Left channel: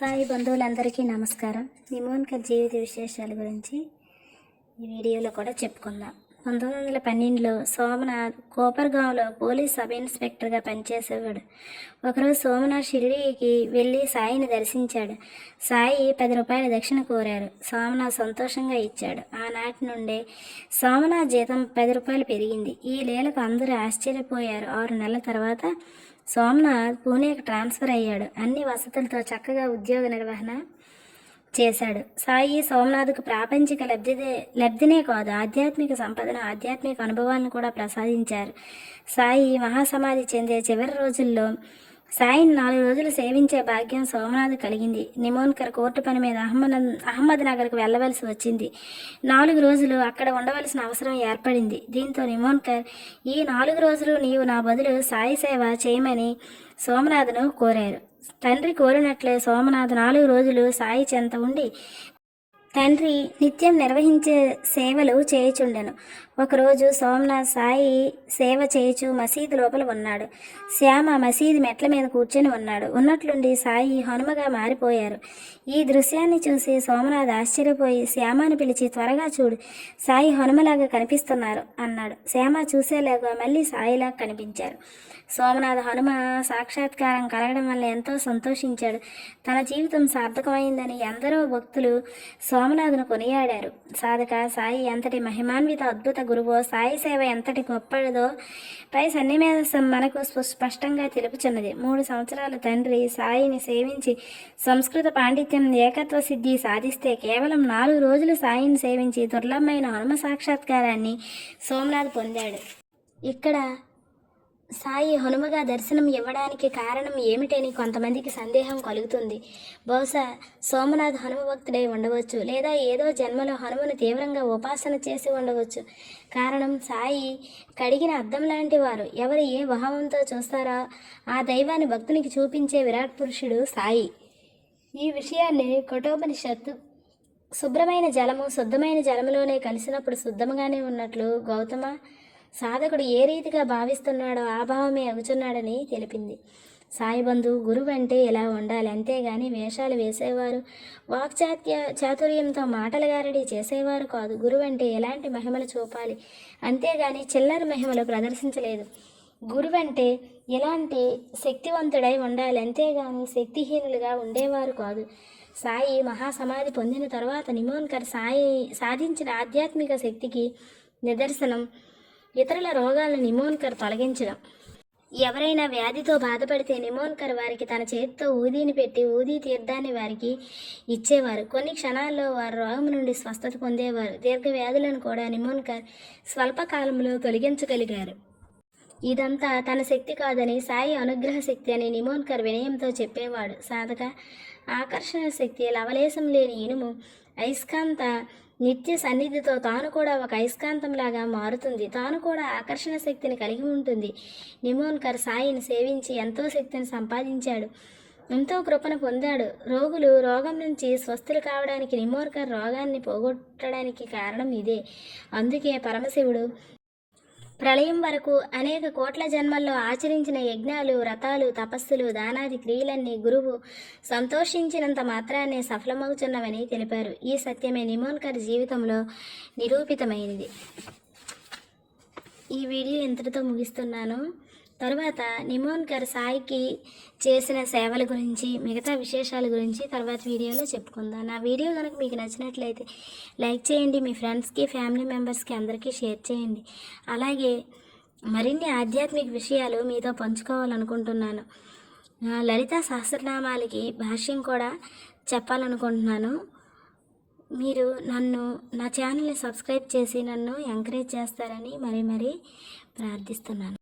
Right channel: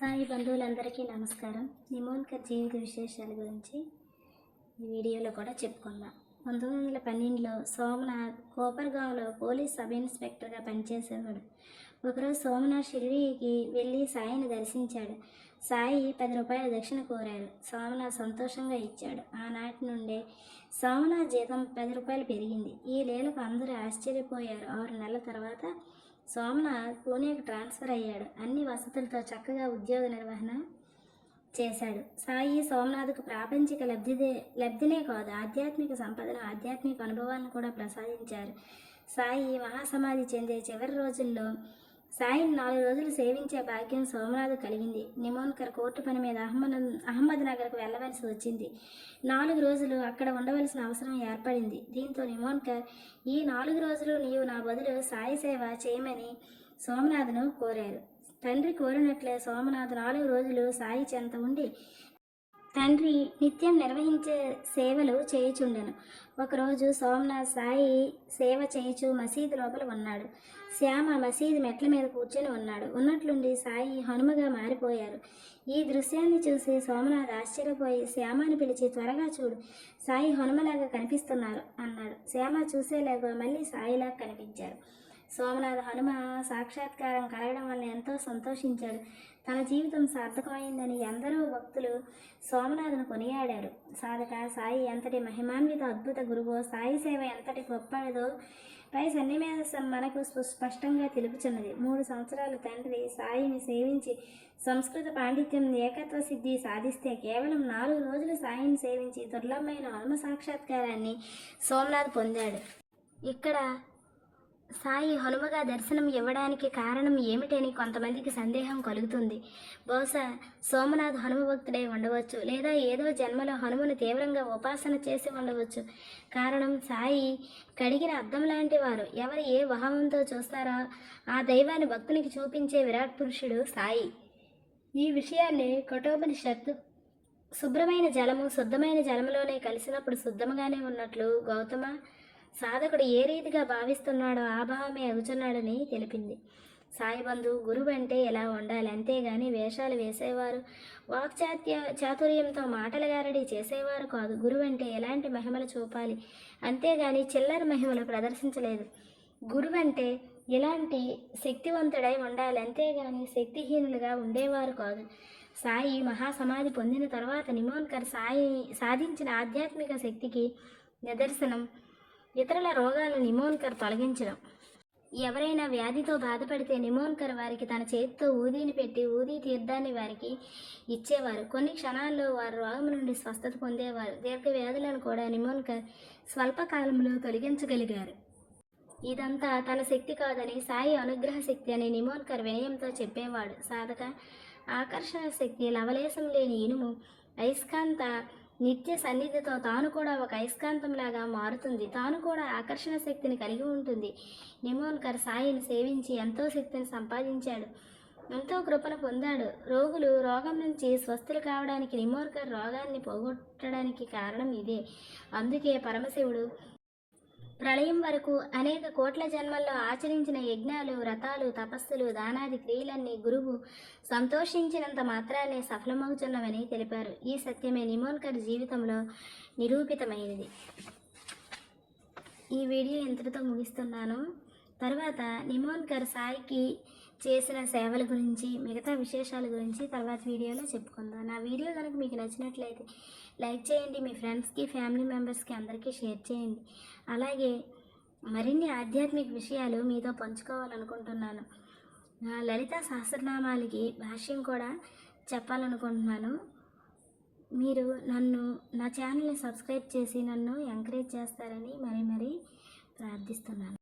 సాయి బంధువులందరికీ నమస్కారం. నిమోన్కర్ జీవిత విశేషాల గురించి ఈ వీడియోలో కూడా చెప్పుకుందాం. 1912లో సోమనాథ్ కోపర్గాంలో పోలీస్ సబ్ ఇన్స్పెక్టర్గా పనిచేసేవాడు. ఒకరోజు సోమనాథ్ షిరిడీకి వెళ్ళి సాయిని దర్శించాడు. సాయి 10 రూపాయల దక్షిణ కోరారు. సోమనాథ్ సంతోషంగా ఇచ్చాడు. ఆనాటి నుండే సోమనాథ్ జీతం 10 రూపాయలు పెరిగింది. ఈ లీలకు అందరూ ఆశ్చర్యపోయారు. 6 నెలల తర్వాత సోమనాథ్ పూణేకి ట్రాన్స్ఫర్ అయ్యాడు. అన్ని వసతులతో చక్కగా ఉద్యోగ నిర్వహణ చేశాడు. సాయి సోమనాథ్కు ప్రాపంచిక లబ్ధినే కాదు, ఆధ్యాత్మిక సంపదను, ఆధ్యాత్మిక అనుభవాలను కూడా ప్రసాదించారు. సాయి మహాసమాధి చెందే చివరి రోజుల్లో సాయిని 4 రోజులు సేవించే భాగ్యం సోమనాథ్ కలిగింది. నిమోన్కర్ కోర్టు పని మీద అహ్మద్ నగర్కు వెళ్ళవలసి వచ్చింది. 4 రోజులు అక్కడ ఉండవలసిన అవసరం ఏర్పడింది. దీంతో నిమోన్కర్, ఈ 4 రోజులు నీవు నా బదులు సాయి సేవ చేయమని సోమనాథ్ను కోరారు. తండ్రి కోరినట్లే సోమనాథ్ 4 రోజులు సాయి చెంత ఉండి తండ్రి నిత్యం నిర్వహించే సేవలు చేయుచుండెను. ఒకరోజు సోమనాథ్ సాయి సేవ చేయుచు మసీదు లోపల ఉన్నాడు. శ్యామ మసీదు మెట్ల మీద కూర్చొని ఉన్నాడు. ఉన్నట్లుండి సాయి హనుమగా మారిపోయారు. ఈ దృశ్యాన్ని చూసి సోమనాథ్ ఆశ్చర్యపోయి శ్యామని పిలిచి, త్వరగా చూడు, సాయి హనుమలాగా కనిపిస్తున్నారు అన్నాడు. శ్యామ చూసేలాగా మళ్ళీ సాయిలాగా కనిపించారు. సోమనాథ్ హనుమ సాక్షాత్కారం కలగడం వల్ల ఎంతో సంతోషించాడు. తన జీవితం సార్థకమైందని ఎందరో భక్తులు సోమనాథ్ను కొనియాడారు. సాధక సాయి ఎంతటి మహిమాన్విత అద్భుత గురువో, సాయి సేవ ఎంతటి గొప్పదో పై సన్నివేశం మనకు స్పష్టంగా తెలుపుచున్నది. 3 సంవత్సరాల తండ్రి సాయిని సేవించి సంస్కృత పాండిత్యం ఏకత్వ సిద్ధి సాధిస్తే కేవలం 4 రోజులు సాయిని సేవించి దుర్లభమైన హనుమ సాక్షాత్కారాన్ని సోమనాథ్ పొందాడు. ఇక్కడ సాయి హనుమగా దర్శనం ఇవ్వడానికి కారణం ఏమిటని కొంతమందికి సందేహం కలుగుతుంది. బహుశా సోమనాథ్ హనుమ భక్తుడై ఉండవచ్చు, లేదా ఏదో జన్మలో హనుమను తీవ్రంగా ఉపాసన చేసి ఉండవచ్చు. కారణం సాయి కడిగిన అద్దం లాంటి వారు. ఎవరు ఏ భావంతో చూస్తారో ఆ దైవాన్ని భక్తునికి చూపించే విరాట్ పురుషుడు సాయి. ఈ విషయాన్ని కఠోపనిషత్తు శుభ్రమైన జలము శుద్ధమైన జలములోనే కలిసినప్పుడు శుద్ధముగానే ఉన్నట్లు గౌతమ సాధకుడు ఏ రీతిగా భావిస్తున్నాడో ఆ భావమే అగుచున్నాడని తెలిపింది. సాయిబంధు గురువు అంటే ఇలా ఉండాలి, అంతేగాని వేషాలు వేసేవారు, చాతుర్యంతో మాటల గారడీ చేసేవారు కాదు. గురువు అంటే ఎలాంటి మహిమలు చూపాలి, అంతేగాని చిల్లర మహిమలు ప్రదర్శించలేదు. గురువు అంటే ఎలాంటి శక్తివంతుడై ఉండాలి, అంతేగాని శక్తిహీనులుగా ఉండేవారు కాదు. సాయి మహాసమాధి పొందిన తర్వాత నిమోన్కర్ సాయి సాధించిన ఆధ్యాత్మిక శక్తికి నిదర్శనం ఇతరుల రోగాలను నిమోన్కర్ తొలగించడం. ఎవరైనా వ్యాధితో బాధపడితే నిమోన్కర్ వారికి తన చేతితో ఊదీని పెట్టి ఊదీ తీర్థాన్ని వారికి ఇచ్చేవారు. కొన్ని క్షణాల్లో వారు రోగం నుండి స్వస్థత పొందేవారు. దీర్ఘ వ్యాధులను కూడా నిమోన్కర్ స్వల్పకాలంలో తొలగించగలిగారు. ఇదంతా తన శక్తి కాదని, సాయి అనుగ్రహ శక్తి అని నిమోన్కర్ వినయంతో చెప్పేవాడు. సాధక ఆకర్షణ శక్తి, లవలేశం లేని ఇనుము అయస్కాంత నిత్య సన్నిధితో తాను కూడా ఒక అయస్కాంతంలాగా మారుతుంది. తాను కూడా ఆకర్షణ శక్తిని కలిగి ఉంటుంది. నిమోన్కర్ సాయిని సేవించి ఎంతో శక్తిని సంపాదించాడు, ఎంతో కృపను పొందాడు. రోగులు రోగం నుంచి స్వస్థులు కావడానికి, నిమోన్కర్ రోగాన్ని పోగొట్టడానికి కారణం ఇదే. అందుకే పరమశివుడు ప్రళయం వరకు అనేక కోట్ల జన్మల్లో ఆచరించిన యజ్ఞాలు, వ్రతాలు, తపస్సులు, దానాది క్రియలన్నీ గురువు సంతోషించినంత మాత్రాన్ని సఫలమవుతున్నవని తెలిపారు. ఈ సత్యమే నిమోన్కర్ జీవితంలో నిరూపితమైనది. ఈ వీడియో ఇంతటితో ముగిస్తున్నాను. తర్వాత నిమోన్కర్ సాయికి చేసిన సేవల గురించి, మిగతా విశేషాల గురించి తర్వాత వీడియోలో చెప్పుకుందాం. నా వీడియో కనుక మీకు నచ్చినట్లయితే లైక్ చేయండి, మీ ఫ్రెండ్స్కి, ఫ్యామిలీ మెంబర్స్కి అందరికీ షేర్ చేయండి. అలాగే మరిన్ని ఆధ్యాత్మిక విషయాలు మీతో పంచుకోవాలనుకుంటున్నాను. లలితా సహస్రనామాలకి భాష్యం కూడా చెప్పాలనుకుంటున్నాను. మీరు నా ఛానల్ని సబ్స్క్రైబ్ చేసి నన్ను ఎంకరేజ్ చేస్తారని మరీ ప్రార్థిస్తున్నాను.